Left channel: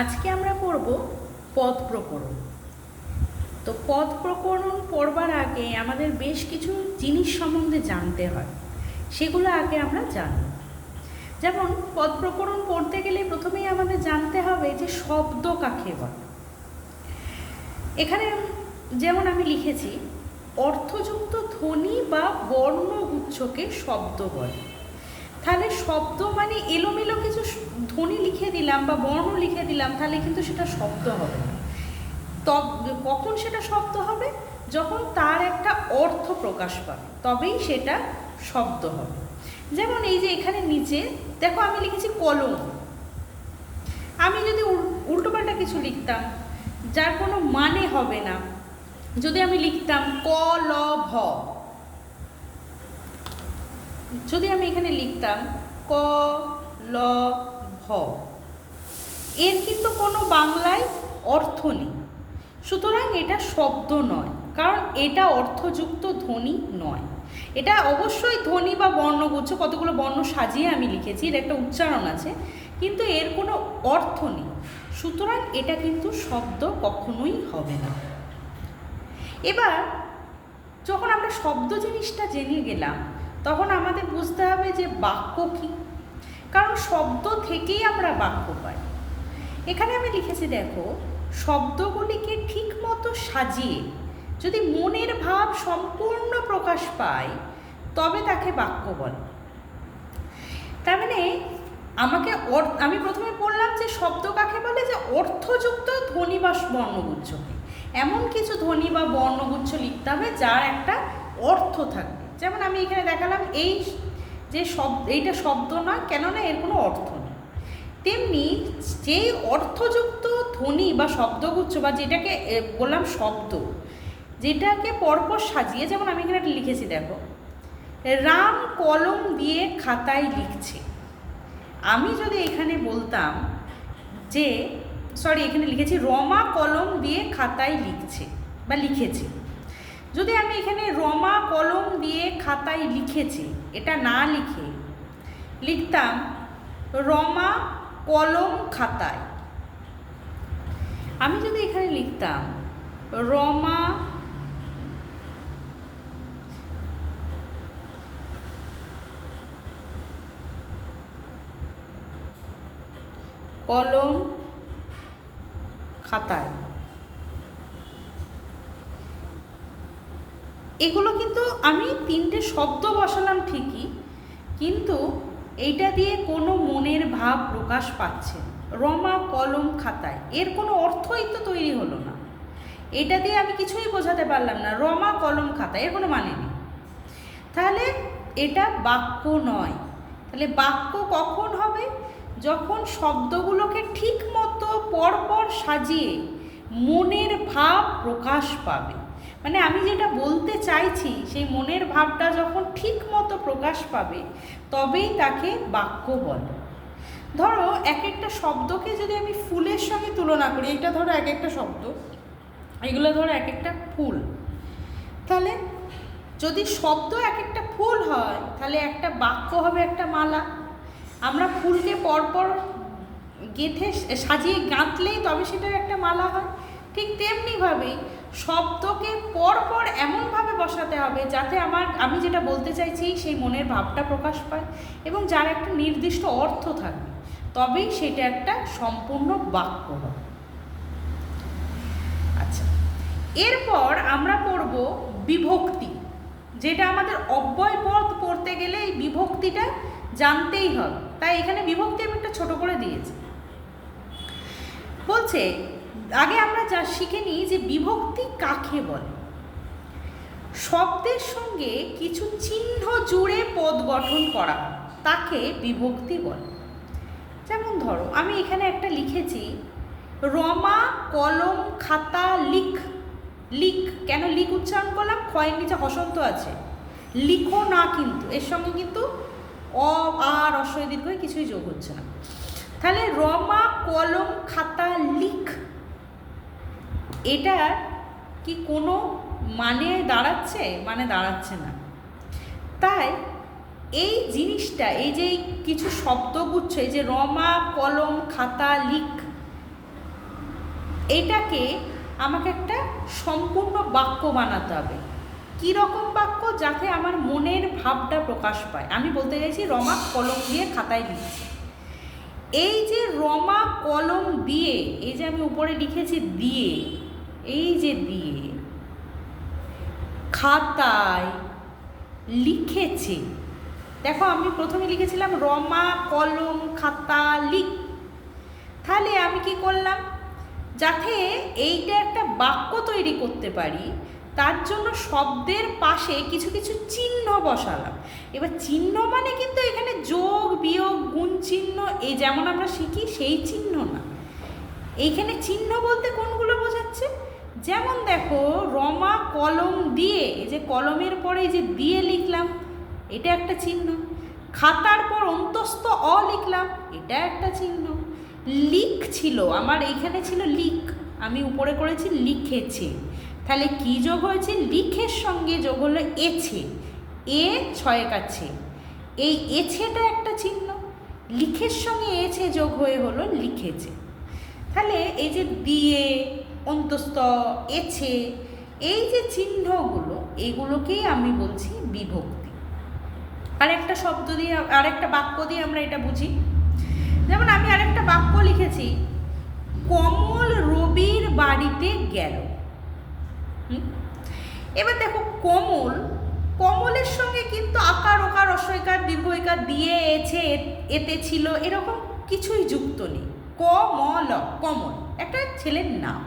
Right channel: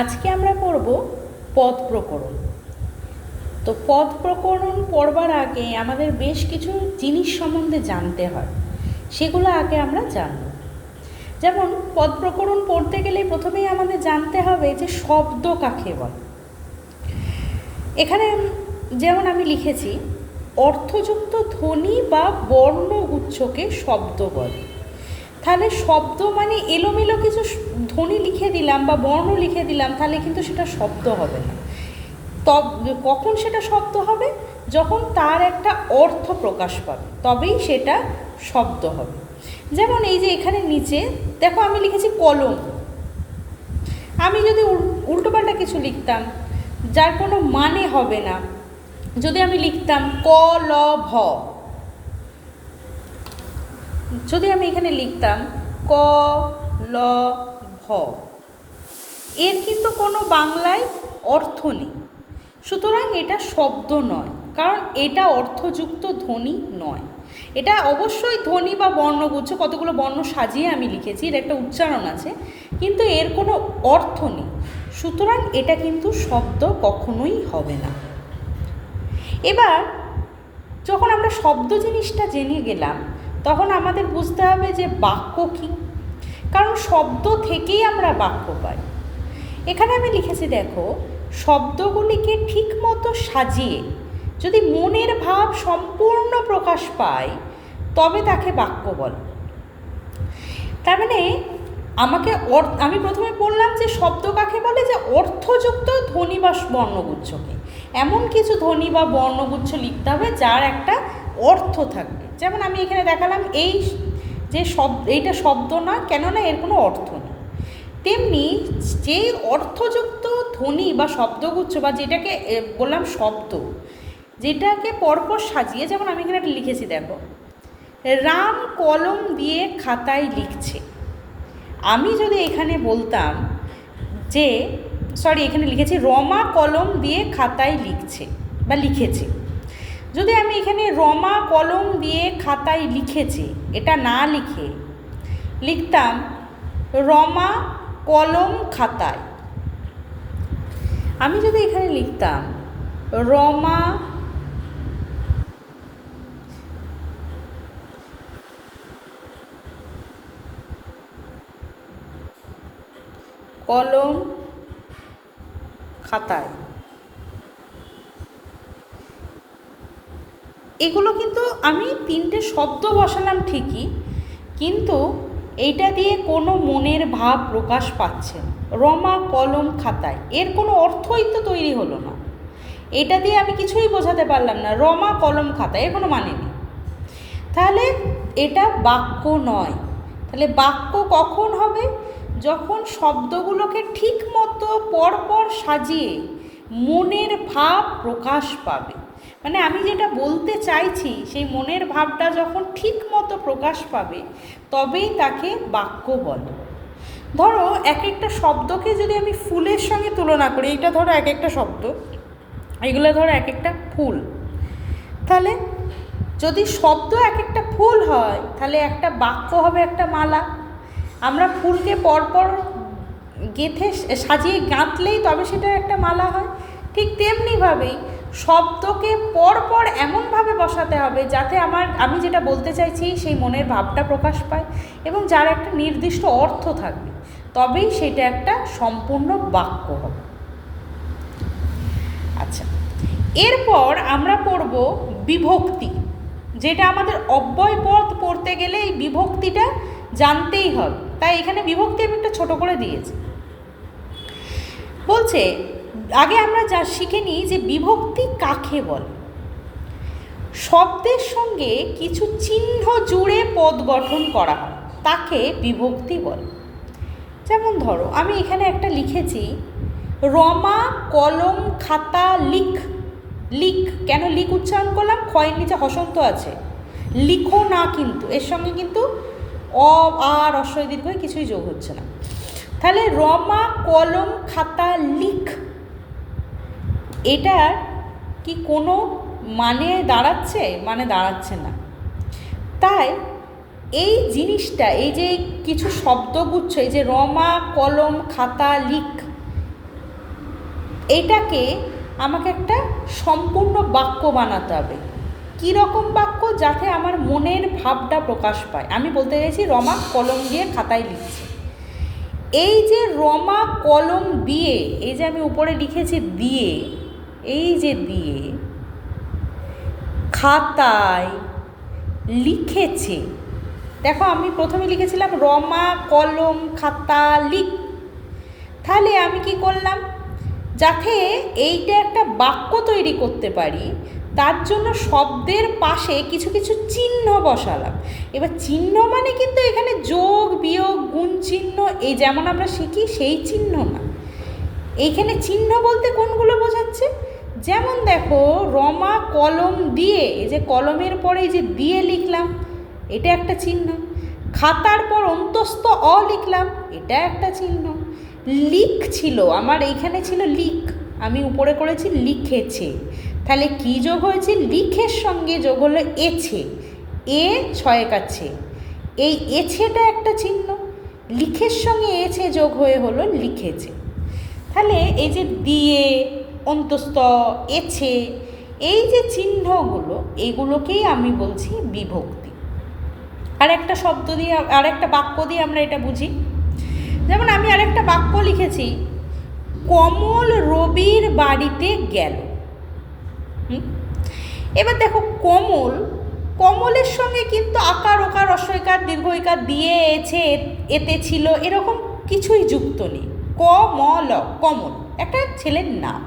আজকে আমরা পড়ব পদ প্রকরণ। তো পদ প্রকরণ পড়বার আগে আমাদের বেশ কিছু জিনিস সম্বন্ধে জানতে হয়, সেগুলো আগে আমরা জানব। যেমন পদ প্রকরণ পড়তে গেলে প্রথমেই আমাদের জানতে হবে যে শব্দ কাকে বলে। এখানে যেমন আমি লিখেছি, অর্থযুক্ত ধ্বনি বা বর্ণগুচ্ছকে শব্দ বলে। তাহলে শব্দ মানে এলোমেলো কিছু ধ্বনি লিখে দিলাম বা বর্ণ লিখে দিলাম, তাহলে কিন্তু সেটা শব্দ হবে না। কখন সেটা শব্দ হবে? যখন তার একটা অর্থ প্রকাশ পাবে, তবেই সেটা শব্দ হবে। যেমন এই যে এখানে নিচে দেখো আমি লিখেছি কলম। আমি যদি উল্টোপাল্টা কিছু লিখতাম যার কোনো মানে হবে না, যদি আমি লিখতাম কলভ, যদি আমি এখানে লিখতাম কলভ, এর কিন্তু কোনো বাংলায় অর্থ নেই, সুতরাং এটা শব্দ নয়, কারণ এটা অর্থযুক্ত ধ্বনি নয়। এটা অবশ্যই ধ্বনি বা বর্ণগুচ্ছ, কতগুলো বর্ণ সাজিয়ে আমি লিখেছি, এর একটা উচ্চারণ আছে, কিন্তু এর কোনো অর্থ নেই, সুতরাং এটা কিন্তু শব্দ কখনোই হবে না। এবার যখন আমরা শব্দ জিনিসটা জেনে গেলাম, তখন আমাদের বুঝতে হবে যে বাক্য কী, কারণ শব্দ থেকেই আমরা বাক্য পাই। এখানে আমি লিখেছি দেখো, শব্দগুলিকে ঠিক মতো সাজিয়ে যদি মনের ভাব সম্পূর্ণ প্রকাশ পায়, তবে তাকে বাক্য বলে। তার মানে আমি প্রথমে বললাম যে শব্দ কাকে বলে, যে অর্থযুক্ত ধ্বনি বা বর্ণগুচ্ছকে। এমন কিছু ধ্বনি বা বর্ণগুচ্ছ লিখতে হবে যার একটা অর্থ থাকবে। যেমন আমি এখানে দেখালাম এই যে এইটা শব্দ না, কেননা এর কোনো অর্থ নেই। তেমনি যে অর্থযুক্ত ধ্বনি বা শব্দগুচ্ছ, বা যেটাকে বললাম শব্দ, যেটাকে পরপর সাজিয়ে, যেমন আমি এখানে লিখেছি দেখো, রাম কলম দিয়ে খাতায় লিখছে। আমি যদি এখানে বলতাম যে এখানে লিখেছি রমা কলম দিয়ে খাতায় লিখছে বা লিখেছে, যদি আমি এখানে রমা কলম দিয়ে খাতায় লিখেছে এটা না লিখে লিখতাম রমা কলম খাতায়, আমি যদি এখানে লিখতাম রমা কলম খাতায়, এগুলো কিন্তু আমি তিনটে শব্দ বসালাম ঠিকই, কিন্তু এইটা দিয়ে কোনো মনের ভাব প্রকাশ পাচ্ছে। রমা কলম খাতায়, এর কোনো অর্থই তো তৈরি হলো না। এটা দিয়ে আমি কিছুই বোঝাতে পারলাম না, রমা কলম খাতায়, এর কোনো মানে নেই। তাহলে এটা বাক্য নয়। তাহলে বাক্য কখন হবে? যখন শব্দগুলোকে ঠিক মতো পরপর সাজিয়ে মনের ভাব প্রকাশ পাবে। মানে আমি যেটা বলতে চাইছি সেই মনের ভাবটা যখন ঠিক মতো প্রকাশ পাবে, তবেই তাকে বাক্য বলে। ধরো এক একটা শব্দকে যদি আমি ফুলের সঙ্গে তুলনা করি, এইটা ধরো এক একটা শব্দ, এগুলো ধরো এক একটা ফুল, তাহলে যদি শব্দ এক একটা ফুল হয়, তাহলে একটা বাক্য হবে একটা মালা। আমরা ফুলকে পরপর গেঁথে সাজিয়ে গাঁথলেই তবে সেটা একটা মালা হয়। ঠিক তেমনিভাবেই শব্দকে পরপর এমনভাবে বসাতে হবে যাতে আমি যেটা বলতে চাইছি সেই মনের ভাবটা প্রকাশ পায় এবং যার একটা নির্দিষ্ট অর্থ থাকবে, তবেই সেটা একটা সম্পূর্ণ বাক্য হবে। আচ্ছা, এরপর আমরা পড়ব বিভক্তি, যেটা আমাদের অব্যয় পদ পড়তে গেলে এই বিভক্তিটা জানতেই হবে। তাই এখানে বিভক্তি আমি একটা ছোটো করে দিয়েছি। বলছে আগে আমরা যা শিখে নিই যে বিভক্তি কাকে বলে। শব্দের সঙ্গে কিছু চিহ্ন জুড়ে পদ গঠন করা হয়, তাকে বিভক্তি বলে। যেমন ধরো আমি এখানে একটা লিখেছি রমা কলম খাতা লিখ। লিখ, কেন লিখ উচ্চারণ করলাম? ক্ষয়ের নিচে হসন্ত আছে, লিখো না, কিন্তু এর সঙ্গে কিন্তু অ আর রস্বই দীর্ঘই কিছুই যোগ হচ্ছে না। তাহলে রমা কলম খাতা লিখ, এটা কি কোনো মানে দাঁড়াচ্ছে? মানে দাঁড়াচ্ছে না। তাই এই জিনিসটা, এই যে কিছু শব্দগুচ্ছ, এই যে রমা কলম খাতা লিখ, এইটাকে আমাকে একটা সম্পূর্ণ বাক্য বানাতে হবে। কী রকম বাক্য? যাতে আমার মনের ভাবটা প্রকাশ পায়। আমি বলতে চাইছি রমা কলম দিয়ে খাতায় লিখছে। এই যে রমা কলম দিয়ে, এই যে আমি উপরে লিখেছি দিয়ে, এই যে দিয়ে খাতায় লিখেছে। দেখো আমি প্রথমে লিখেছিলাম রমা কলম খাতা লিখ। তাহলে আমি কি করলাম, যাতে এইটা একটা বাক্য তৈরি করতে পারি তার জন্য শব্দের পাশে কিছু কিছু চিহ্ন বসালাম। এবার চিহ্ন মানে কিন্তু এখানে যোগ বিয়োগ গুণ চিহ্ন, এই যেমন আমরা শিখি সেই চিহ্ন না। এইখানে চিহ্ন বলতে কোনগুলো বোঝাচ্ছে? যেমন দেখো রমা কলম দিয়ে, এই যে কলমের পরে এই যে দিয়ে লিখলাম, এটা একটা চিহ্ন। খাতার পর অন্তস্থ অ লিখলাম, এটা একটা চিহ্ন। লিখ ছিল আমার, এইখানে ছিল লিখ, আমি উপরে করেছি লিখেছে। তাহলে কি যোগ হয়েছে? লিখের সঙ্গে যোগ হলো এছে, এ ছয় কাছে, এই এছেটা একটা চিহ্ন। লিখের সঙ্গে এছে যোগ হয়ে হলো লিখেছে। তাহলে এই যে দিয়ে অন্তস্থ এছে, এই যে চিহ্নগুলো, এইগুলোকেই আমি বলছি বিভক্তি। আর একটা শব্দ দিয়ে, আর একটা বাক্য দিয়ে আমরা এটা বুঝি। যেমন আমি আরেকটা বাক্য লিখেছি, কমল রবির বাড়িতে গেল। এবার দেখো কমল, কমলের সঙ্গে কিন্তু আকার ওকার রস্বইকার দীর্ঘইকার দিয়ে এছে এতে ছিল এরকম কিছুই যুক্ত নেই। কমল, কমল একটা ছেলের নাম।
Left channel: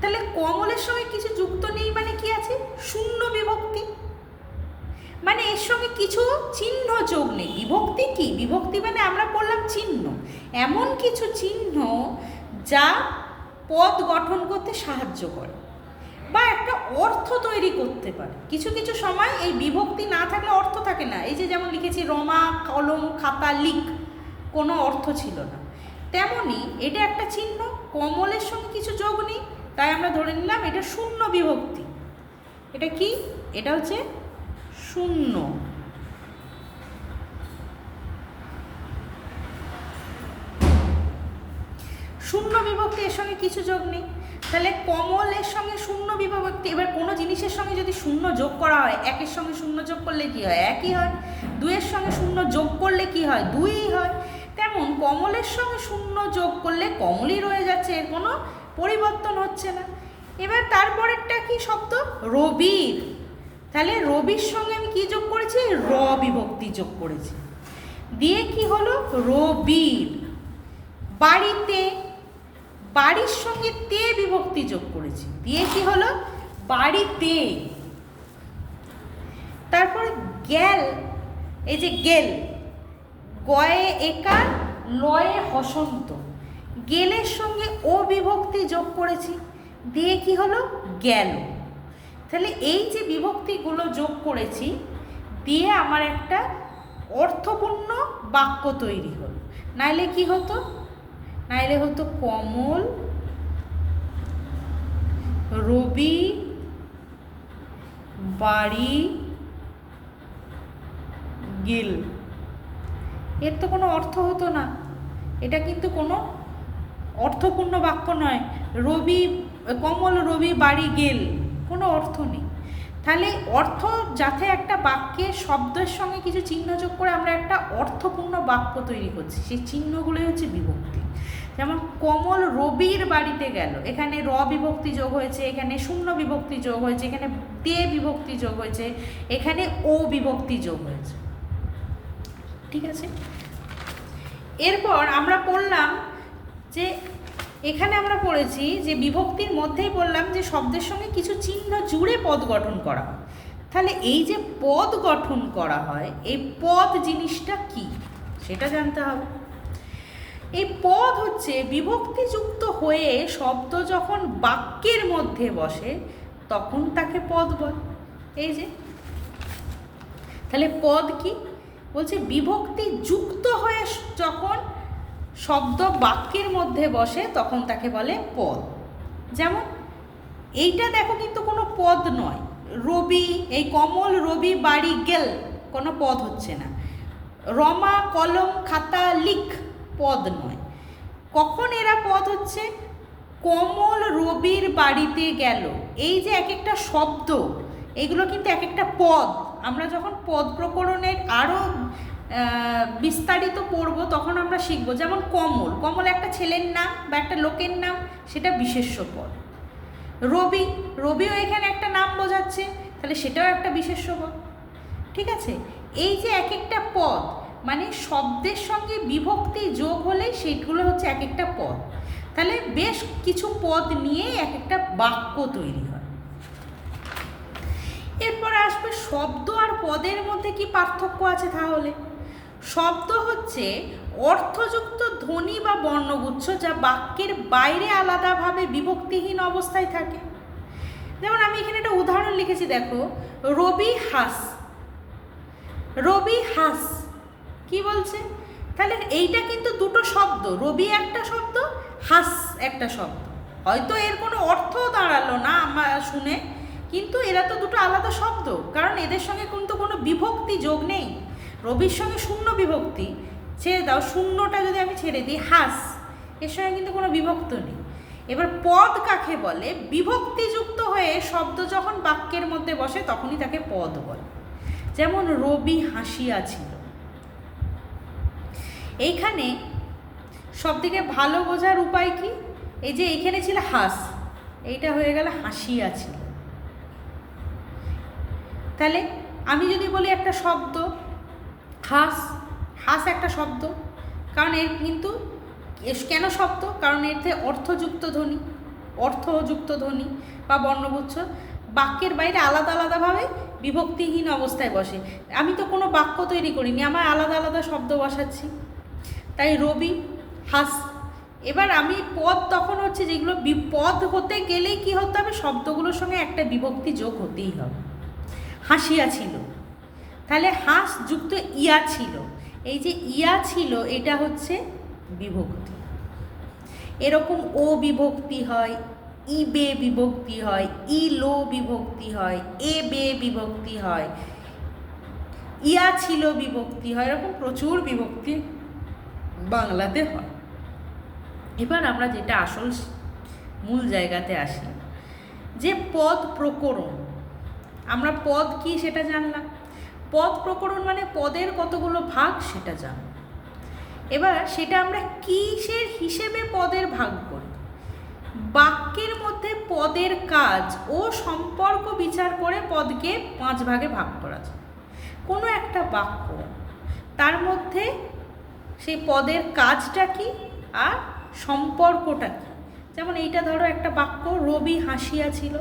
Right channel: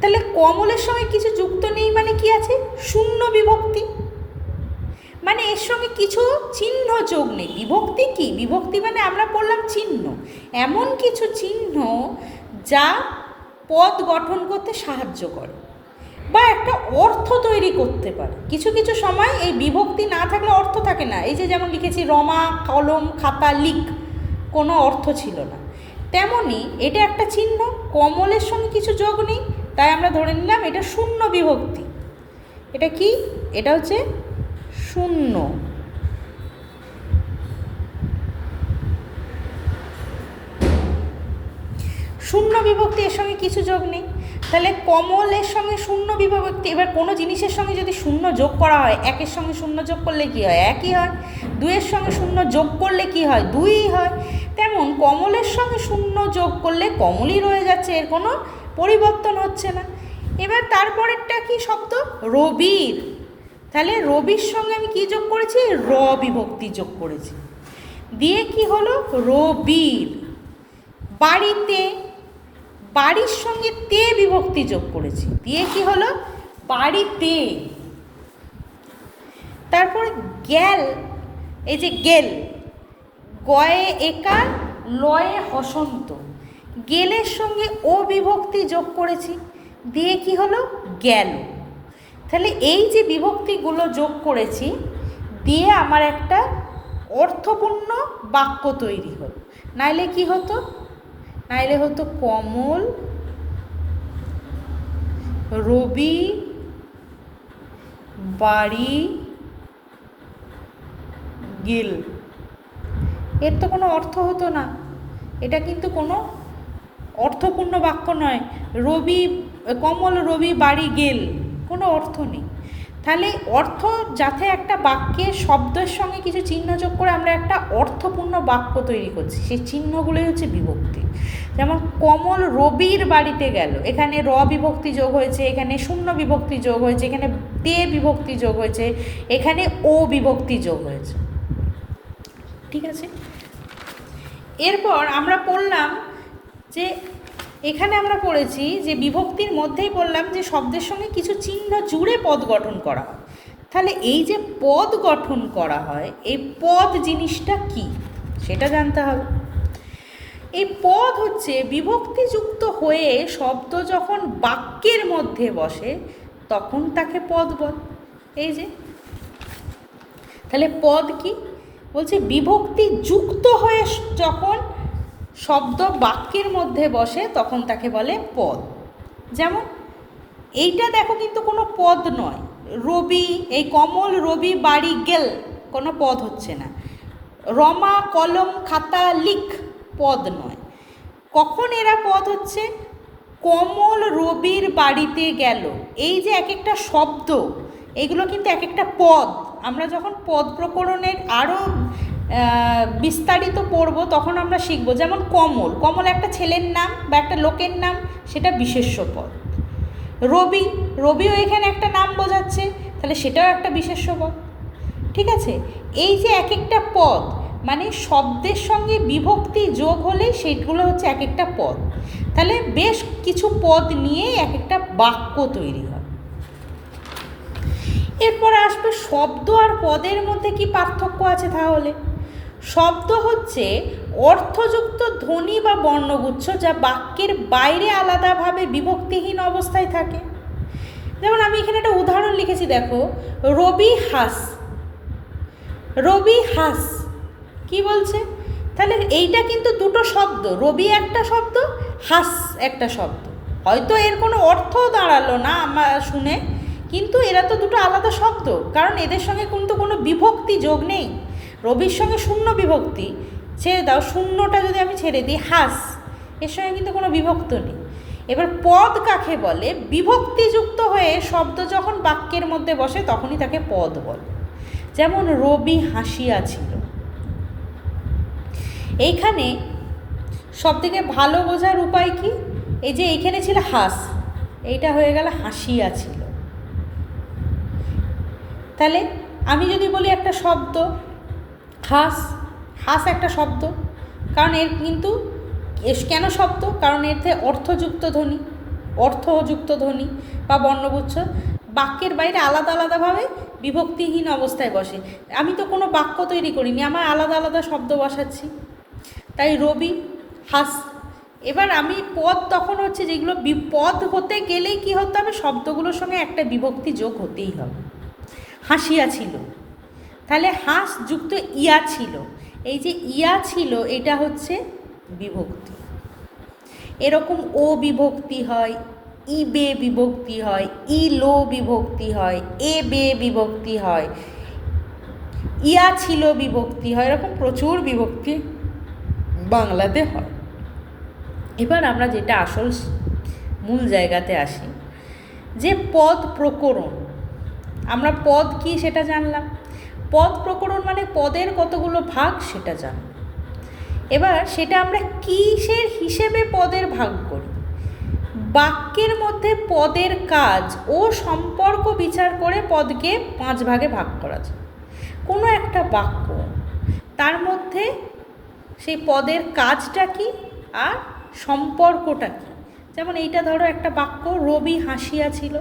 তাহলে কমলের সঙ্গে কিছু যুক্ত নেই মানে কি আছে? শূন্য বিভক্তি, মানে এর সঙ্গে কিছু চিহ্ন যোগ নেই। বিভক্তি কি? বিভক্তি মানে আমরা পড়লাম চিহ্ন, এমন কিছু চিহ্ন যা পদ গঠন করতে সাহায্য করে বা একটা অর্থ তৈরি করতে পারে। কিছু কিছু সময় এই বিভক্তি না থাকলে অর্থ থাকে না। এই যে যেমন লিখেছি রমা কলম খাতা লিখ, কোনো অর্থ ছিল না। তেমনি এটা একটা চিহ্ন, কমলের সঙ্গে কিছু যোগ নেই, তাই আমরা ধরে নিলাম এটা শূন্য বিভক্তি। এটা কি? এটা হচ্ছে শূন্য। শূন্য বিভক্তি, এর সঙ্গে কিছু যোগ নেই। তাহলে কমলের সঙ্গে শূন্য বিভক্তি। এবার কোনো জিনিসের সঙ্গে যদি শূন্য যোগ করা হয়, একের সঙ্গে শূন্য যোগ করলে কি হয়? একই হয়। দুইয়ের সঙ্গে শূন্য যোগ করলে কি হয়? দুইই হয়। তেমন কমলের সঙ্গে শূন্য যোগ করলে কমলই রয়ে যাচ্ছে, এর কোনো পরিবর্তন হচ্ছে না। এবার তারপরেরটা কি শব্দ? রবির। তাহলে রবির সঙ্গে আমি কি যোগ করেছি? র বিভক্তি যোগ করেছি, দিয়ে কি হলো? রবির। বাড়িতে, বাড়ির সঙ্গে তে বিভক্তি যোগ করেছি, দিয়ে কি হলো? বাড়িতে। তারপর গেল, এই যে গেল, গয়ে একার লয়ে হসন্ত, গেলের সঙ্গে ও বিভক্তি যোগ করেছি, দিয়ে কি হলো? গেল। তাহলে এই যে বিভক্তিগুলো যোগ করেছি, দিয়ে আমার একটা অর্থপূর্ণ বাক্য তৈরি হলো। নাইলে কি হতো? নাইলে হতো কমল রবি বাড়ি গেল, এর তো কোনো অর্থ হতো না। এটা কিন্তু কোনো অর্থপূর্ণ বাক্য নয়। রবি, কমল রবি বাড়ি গেল, কোনো অর্থ নেই। তাহলে অর্থ, যাতে একটা বাক্যের শব্দের সঙ্গে কিছু চিহ্ন যোগ করে আমরা একটা অর্থপূর্ণ বাক্য তৈরি করছি, সেই চিহ্নগুলোই হচ্ছে বিভক্তি। যেমন কমল রবির বাড়িতে গেল, এখানে র বিভক্তি যোগ হয়েছে, এখানে শূন্য বিভক্তি যোগ হয়েছে, এখানে তে বিভক্তি যোগ হয়েছে, এখানে ও বিভক্তি যোগ হয়েছে। ঠিক আছে? এরপর আমরা পড়লাম যে এখানে আমরা পড়েছি যে বিভক্তির মধ্যেই বললাম যে শব্দের সঙ্গে কিছু চিহ্ন জুড়ে পদ গঠন করা হয়। তাহলে এই যে পদ গঠন করা হয়, এই পদ জিনিসটা কি সেটা জানতে হবে। এই পদ হচ্ছে বিভক্তিযুক্ত হয়ে শব্দ যখন বাক্যের মধ্যে বসে তখন তাকে পদ বল। এই যে, তাহলে পদ কি বলছে? বিভক্তি যুক্ত হয়ে যখন শব্দ বাক্যের মধ্যে বসে তখন তাকে বলে পদ। যেমন এইটা দেখো কিন্তু কোনো পদ নয়। রবি, এই কমল রবি বাড়ি গেল, কোনো পদ হচ্ছে না। রমা কলম খাতা লিখ, পদ নয়। কখন এরা পদ হচ্ছে? কমল রবির বাড়িতে গেল, এই যে এক একটা শব্দ, এগুলো কিন্তু এক একটা পদ। আমরা যখন পদ প্রকরণের আরও বিস্তারিত পড়ব তখন আমরা শিখব। যেমন কমল, কমল একটা ছেলের নাম বা একটা লোকের নাম, সেটা বিশেষ্য পদ। রবি, রবিও এখানে একটা নাম বোঝাচ্ছে, তাহলে সেটাও একটা বিশেষ্য পদ। ঠিক আছে, এই যে এক একটা পদ মানে শব্দের সঙ্গে বিভক্তি যোগ হলে সেইগুলো হচ্ছে এক একটা পদ। তাহলে বেশ কিছু পদ নিয়ে এক একটা বাক্য তৈরি হয়। এরপর আসবে শব্দ আর পদের মধ্যে কি পার্থক্য আছে। তাহলে শব্দ হচ্ছে অর্থযুক্ত ধ্বনি বা বর্ণগুচ্ছ যা বাক্যের বাইরে আলাদাভাবে বিভক্তিহীন অবস্থায় থাকে। যেমন আমি এখানে একটা উদাহরণ লিখেছি, দেখো, রবি হাস, রবি হাস কি বলছে? তাহলে এইটা কিন্তু দুটো শব্দ, রবি একটা শব্দ, হাস একটা শব্দ। হয়তো এর কোনো অর্থও দাঁড়ালো না আমার শুনে, কিন্তু এরা তো দুটো আলাদা শব্দ, কারণ এদের সঙ্গে কিন্তু কোনো বিভক্তি যোগ নেই। রবির সঙ্গে শূন্য বিভক্তি, ছেড়ে দাও, শূন্যটা যদি আমি ছেড়ে দিই, হাস, এর সঙ্গে কিন্তু কোনো বিভক্ত নেই। এবার পদ কাকে বলে? বিভক্তিযুক্ত হয়ে শব্দ যখন বাক্যের মধ্যে বসে তখনই তাকে পদ বলে। যেমন রবি হাসিয়া ছিল, এইখানে সবথেকে ভালো বোঝার উপায় কি? এই যে এইখানে ছিল হাস, এইটা হয়ে গেল হাসিয়া ছিল। তাহলে আমি যদি বলি একটা শব্দ হাস, হাস একটা শব্দ, কারণ এর কিন্তু কেন শব্দ? কারণ এতে অর্থযুক্ত ধ্বনি, অর্থযুক্ত ধ্বনি বা বর্ণগুচ্ছ বাক্যের বাইরে আলাদা আলাদাভাবে বিভক্তিহীন অবস্থায় বসে। আমি তো কোনো বাক্য তৈরি করিনি, আমার আলাদা আলাদা শব্দ বসাচ্ছি। তাই রবি হাস। এবার আমি পদ তখন হচ্ছে যেগুলো বিপদ হতে গেলেই কী হতে হবে? শব্দগুলোর সঙ্গে একটা বিভক্তি যোগ হতেই হবে। হাসিয়া ছিল, তাহলে হাস যুক্ত ইয়া ছিল, এই যে ইয়া ছিল এটা হচ্ছে বিভক্তি। এরকম ও বিভক্তি হয়, ই বে বিভক্তি হয়, ই লো বিভক্তি হয়, এ বে বিভক্তি হয়, ইয়া ছিল বিভক্তি হয়, এরকম প্রচুর বিভক্তি বাংলাতে হয়। এবার আমরা যেটা আসল মূল জায়গাতে আসি, যে পদ প্রকরণ। আমরা পদ কি সেটা জানলাম, পদ প্রকরণ মানে পদের কতগুলো ভাগ সেটা জানলাম। এবার সেটা আমরা কিসের হিসেবে পদের ভাগ করি? বাক্যের মধ্যে পদের কাজ ও সম্পর্ক বিচার করে পদকে 5 ভাগে ভাগ করা যায়। কোনো একটা বাক্য, তার মধ্যে সেই পদের কাজটা কি আর সম্পর্কটা কী। যেমন এইটা ধরো একটা বাক্য, রবি হাসিয়া ছিল।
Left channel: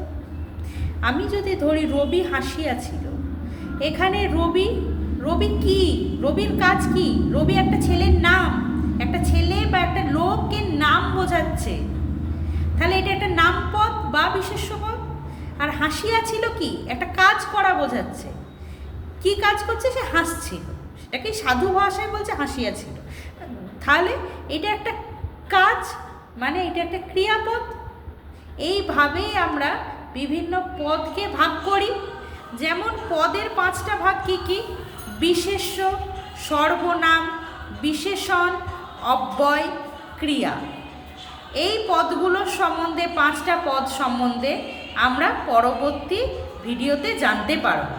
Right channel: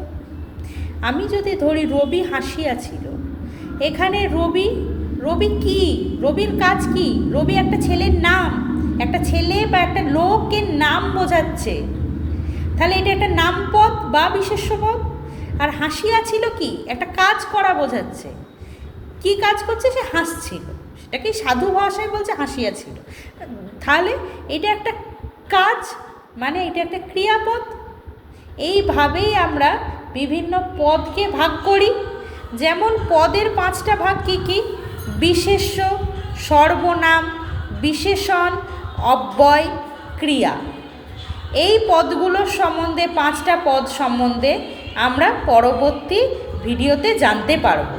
আমি যদি ধরি রবি হাসিয়া ছিল, এখানে রবি, রবি কি? রবির কাজ কি? রবি একটা ছেলের নাম, একটা ছেলে বা একটা লোকের নাম বোঝাচ্ছে, তাহলে এটা একটা নামপদ বা বিশেষ্য পদ। আর হাসিয়া ছিল কি? একটা কাজ করা বোঝাচ্ছে। কি কাজ করছে? সে হাসছিল, সেটাকে সাধু ভাষায় বলছে হাসিয়া ছিল। তাহলে এটা একটা কাজ, মানে এটা একটা ক্রিয়াপদ। এইভাবেই আমরা বিভিন্ন পদকে ভাগ করি। যেমন পদের 5টা ভাগ কি কি? বিশেষ্য, সর্বনাম, বিশেষণ, অব্যয়, ক্রিয়া। এই পদগুলোর সম্বন্ধে, 5টা পদ সম্বন্ধে আমরা পরবর্তী ভিডিওতে জানতে পারব।